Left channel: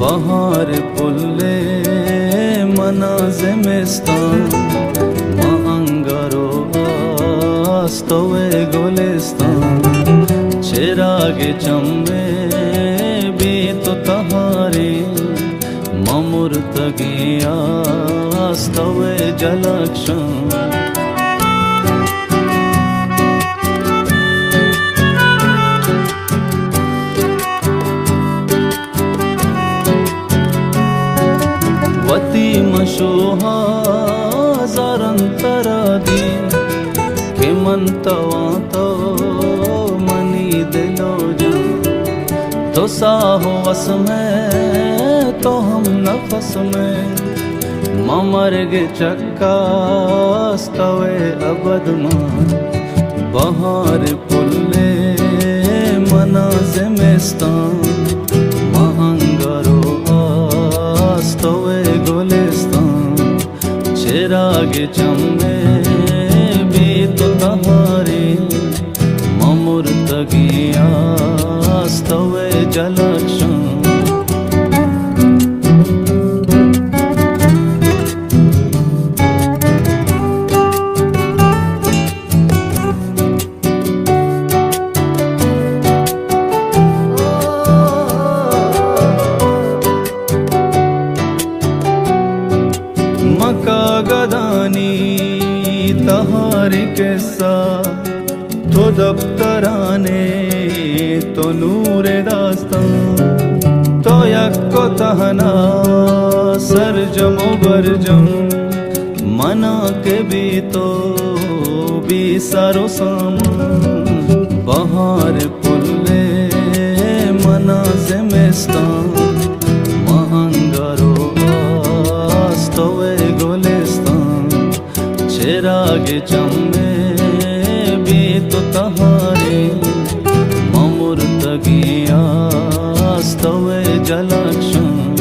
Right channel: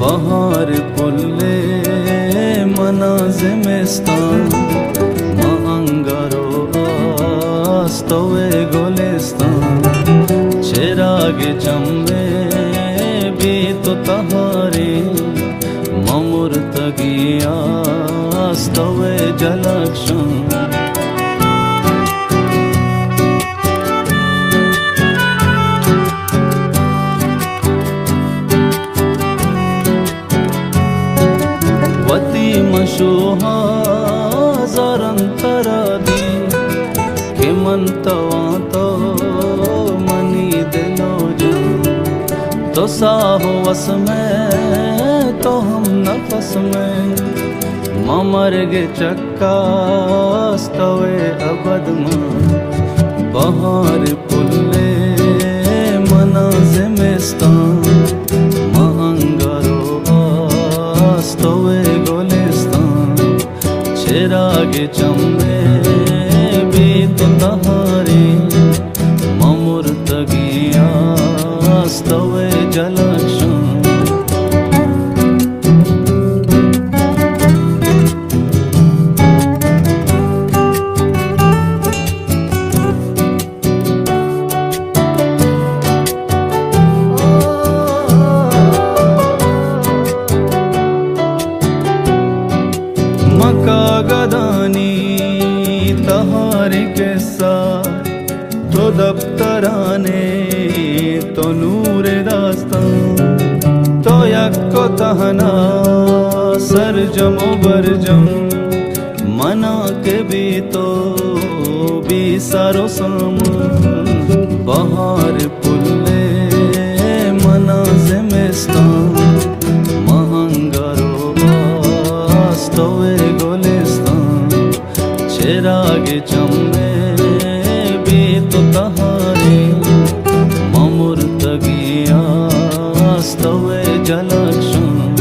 bahar pulle mana zemistan ma angaro astove golestan cherage chamme bhi to tahare mamurtagiya astove jalakshan वती मशोहा जरंतरादी के मनतवा तो money दिलो जा तो साहो वस में तो हम नफस में ममर गे चक्का स्तवे अबद मां बहार पुल्ले मना ज़िमिस्तान मां अंगारो स्तवे गोलिस्तान चिरागे चम्मे भी तो तहारे ममुर्तगिया स्तवे जलक्षण मका गदानी तहारे कैसा तो दफ्तराने तो नूरे दास्तान तो यक्को तहना सरजमो बरजम मना के भी तो भी सारो सामान बहार पुल्ले मना ज़िमिस्तान मां अंगारो स्तवे गोलिस्तान चिरागे चम्मे भी तो तहारे ममुर्तगिया स्तवे जलक्षण